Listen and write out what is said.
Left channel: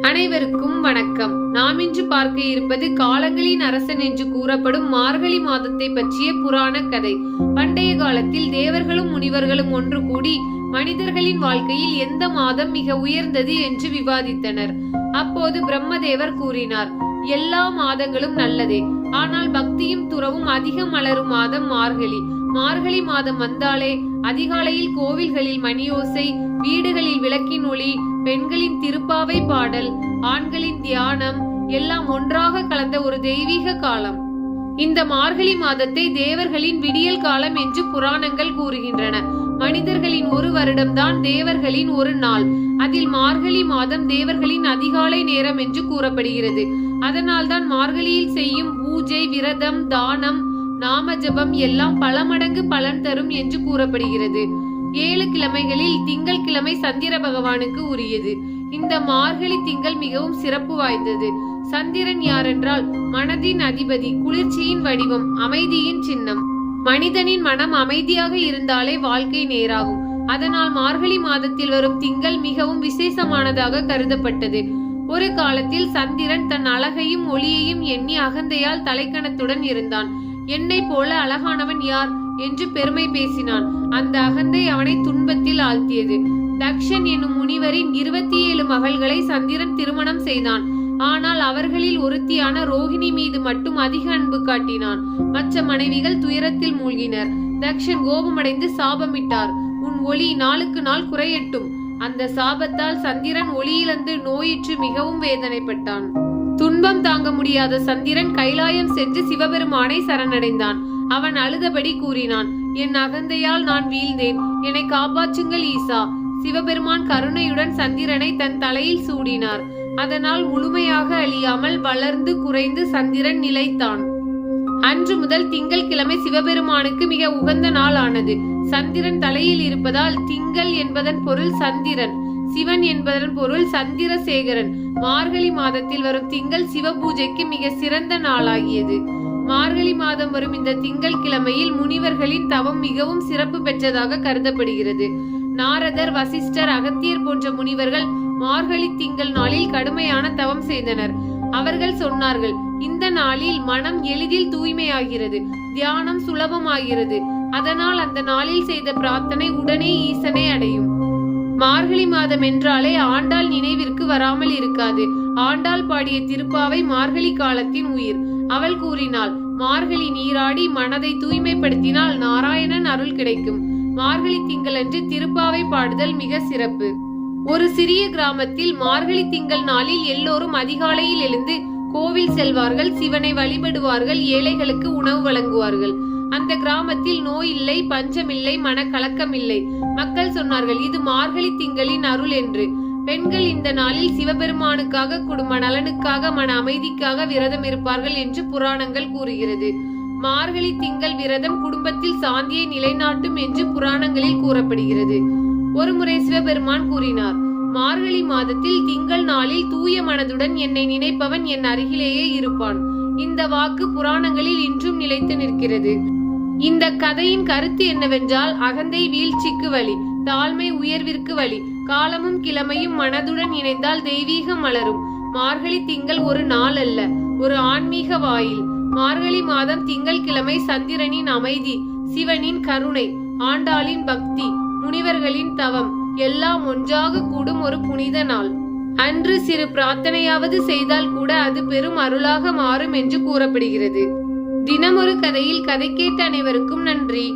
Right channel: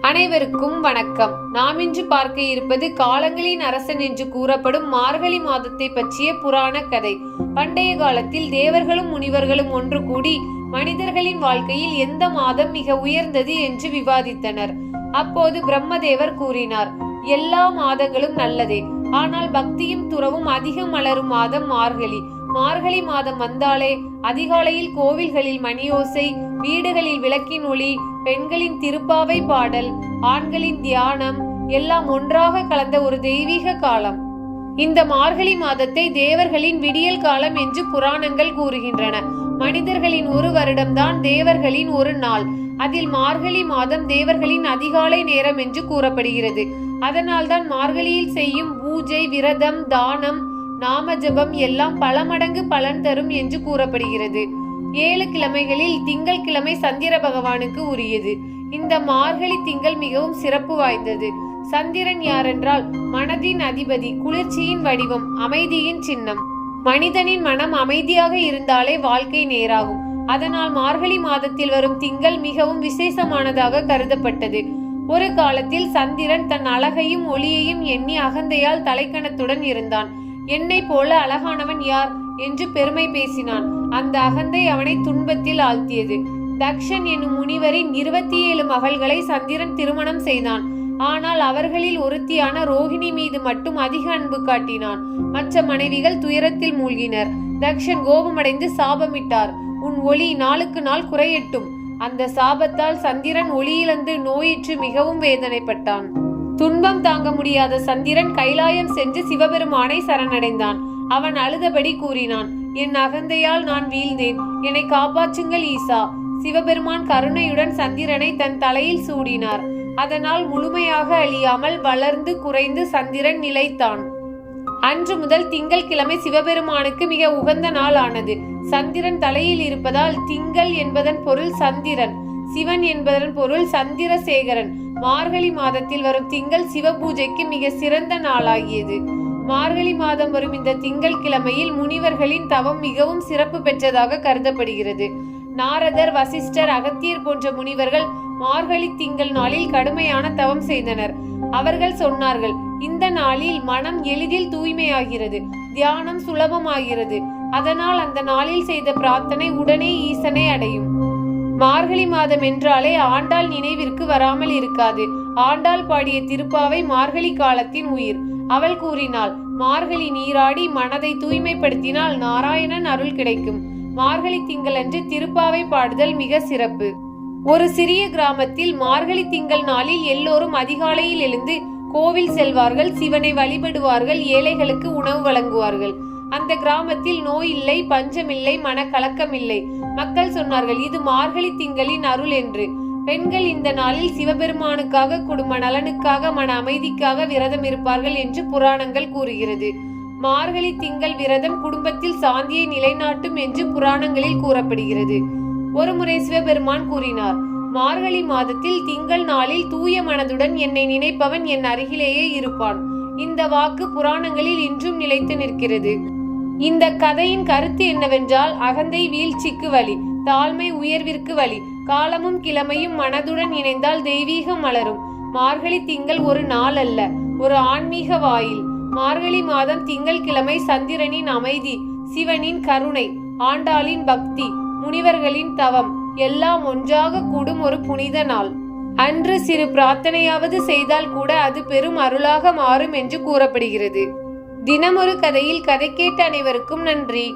அனைவருக்கும் வணக்கம். நாம் இன்று பார்க்க இருப்பது காலங்களின் அரசன் என்று கூறப்படும் மார்கழி மாதத்தை பற்றிய புராண கதை. பண்டைய காலத்தில் தேவர்களும் முனிவர்களும் ஒன்று கூடி மனிதர்களின் வாழ்க்கையில் எந்த மாதம் மிக உயர்ந்தது என்று விவாதித்தனர். அப்போது பிரம்மதேவர் கூறினார் எல்லா மாதங்களும் நல்லதே. ஆனால் பக்தியும் துறவும் அதிகம் மலரும் மாதம் மார்கழி. மார்கழி மாதம் வந்தாலே அதிகாலையில் கோவில்களில் மணியோசை வீடுகளில் விளக்கின் ஒளி பெண்களின் திருப்பாவை பாடல் ஆண்களின் தியானம் எல்லாம் ஒன்றாக கலந்த ஒரு தெய்வீக காலம். இந்த மார்கழி மாதத்தை தேவர்களின் விடியல் காலம் என்று புராணங்கள் கூறுகின்றன. மனிதர்களின் ஒரு வருடம்தான் தேவர்களின் ஒரு நாள். அதில் மார்கழி மாதம் தேவர்களின் அதிகாலை நேரம் என்று கூறப்படுகிறது. அதனால்தான் மார்கழியில் செய்யும் பூஜை விரதம் தானம் நாம ஜபம் எல்லாம் பல மடங்கு பலன் தரும் என்று கூறப்படுகிறது. ஏழு கிழமைகளில் திங்கள் கிழமை சந்திர பகவானுக்கு உரியது. இந்த மார்கழி திங்கள் மிகவும் சிறப்பு வாய்ந்தது. சந்திரன் யாரென்றால் மனதின் அதிபதி குளிர்ச்சியின் வடிவம் அமைதியின் சின்னம். மனிதனின் மனம் அமைதியாக இருந்தாலே வாழ்க்கை நேராகும். அதனால் மார்கழி மாதத்தில் வரும் திங்கள் மிகவும் விசேஷமானதாக கருதப்பட்டது. ஒரு காலத்தில் சந்திரன் தன் அழகையும் ஒளியையும் எண்ணி அகந்தையால் தலைக்கணத்துடன் இருந்தான். என்னை போல அழகானவன் யார்? என்று பெருமை பேசினான். அந்த அகந்தை அவனை துன்பத்தில் ஆழ்த்தியது. தக்ஷன் என்னும் முனிவரின் இருபத்தி ஏழு மகள்களை சந்திரன் திருமணம் செய்தான். ஆனால் அவர்களில் ஒருத்தியான ரோஹிணி மீது மட்டும் அதிக அன்பு காட்டினான். மற்ற மனைவிகள் துயரத்தில் மூழ்கினர். தக்ஷன் கோபமடைந்து சாபமிட்டார். உன் ஒளி நாளுக்கு நாள் குறையட்டும். அந்த சாபத்தால் சந்திரன் ஒளியிழந்து நோயிற்று மிகவும் வேதனைப்பட்டான். துன்பம் தாங்க முடியாத சந்திரன் கைலாயம் சென்று சிவபெருமானை சரணடைந்தான். அவன் அழுதபடி கூறினான் என் அகந்தையால் நான் வீழ்ந்தேன். என்னை காப்பாற்றுங்கள் ஈசா. சிவபெருமான் கருணையுடன் சந்திரனை தன் தலையில் சூடினார். அதனால் முழுமையாக அழியாமல் வளர்ந்து குறைந்து சந்திரன் நிலைத்தான். அன்று முதல் திங்கள் கிழமை சிவபெருமானுக்கு மிக உகந்த நாள் ஆனது சந்திரன் தலையில் இருப்பதால் திங்கள் என்பதன் பொருள் சந்திரன் சிவன் என்பதன் பொருள் சந்திரசேகரன். மார்கழி மாதத்தில் வரும் திங்கள் சிவ பூஜைக்கு மிக சிறந்த நாளாகியது. மார்கழி மாதம் வரும் இந்த திங்கள் கிழமையில் முனிவர்களின் தவம் மிகவும் சிறப்பு பெற்றதாக கருதப்படுகிறது. நாரதர் வசிஷ்டர் அகத்தியர் போன்ற முனிவர்கள் மார்கழி திங்கள் நாளில் கடுமையான தவம் செய்தனர். அவர்கள் சொன்னார்கள் இந்த நாளில் மனம் எளிதில் தூய்மையாகிறது தியானம் சுலபமாகிறது. அதனால் அந்த நாளில் செய்த பிரார்த்தனை உடனே ஈசனை அடையும். மார்கழி மாதம் என்றாலே ஆண்டாள் நினைவிற்கு வராமல் இருக்காது. ஆண்டாள் பாடிய திருப்பாவை மார்கழி காலத்தின் உயிர். அவள் கூறினாள் மார்கழி நீராடி மனதை தூய்மைப்படுத்தினால் நாராயணன் அருள் கிடைக்கும். மார்கழி திங்களன்று திருப்பாவை பாடுதல் மிக சிறப்பு. ஒரு சிறிய கிராமத்தில் மார்கழி திங்கள் நாளில் எல்லோரும் அதிகாலையில் எழுந்து கோவில் செல்வார்கள் சிவனை வழிபடுவார்கள் ஏழைகளுக்கு உணவு வழங்குவார்கள். அந்த கிராமத்தில் நோய் இல்லை பஞ்சமில்லை மனக்கலக்கம் இல்லை. மக்கள் சொன்னார்கள் இது மார்கழி திங்களின் அருள் என்று. பெண்கள் இந்த நாளில் சிவபெருமானுக்காக குடும்ப நலனுக்காக மன அமைதிக்காக விரதம் இருப்பார்கள் என்று புராணங்கள் கூறுகிறது. மார்கழி திங்கள் விரதம் குடும்பத்தில் சாந்தியை நிலைநாட்டும் என்று புராணங்களில் கூறப்படுகிறது. ஒருமுறை சிவபெருமான் கூறினார் மார்கழி மாதத்தில் திங்கள் நாளில் தூய மனதுடன் என்னை நினைப்பவன் என் அருகிலேயே இருப்பான். இந்த வாக்கு புராணங்களில் இன்றும் நிலைத்து நிற்கிறது. இந்த கதையின் கருத்து என்னவென்றால் அகந்தை வீழ்ச்சிக்கு வழி தாழ்மை உயர்விற்கு வழி காலமும் கிழமையும் மனதுடன் இணைந்தால் தெய்வீகம் மலரும். மார்கழி திங்கள் ஒரு நாள் அல்ல ஒரு ஆன்மீக வாயில். மார்கழி மாதம் திங்கள் கிழமை சந்திரனின் அமைதி சிவனின் கருணை ஆண்டாளின் பக்தி முனிவர்களின் தவம் எல்லாம் ஒன்றாக கூடும் ஒரு புனித நாள். அன்று சிறு பிரார்த்தனையாவது செய்தால் கூட அது பெரும் அருளாக மாறும் என்று கூறப்படுகிறது. தினமொரு கதையில் கதை கேட்ட அனைவருக்கும் நன்றி.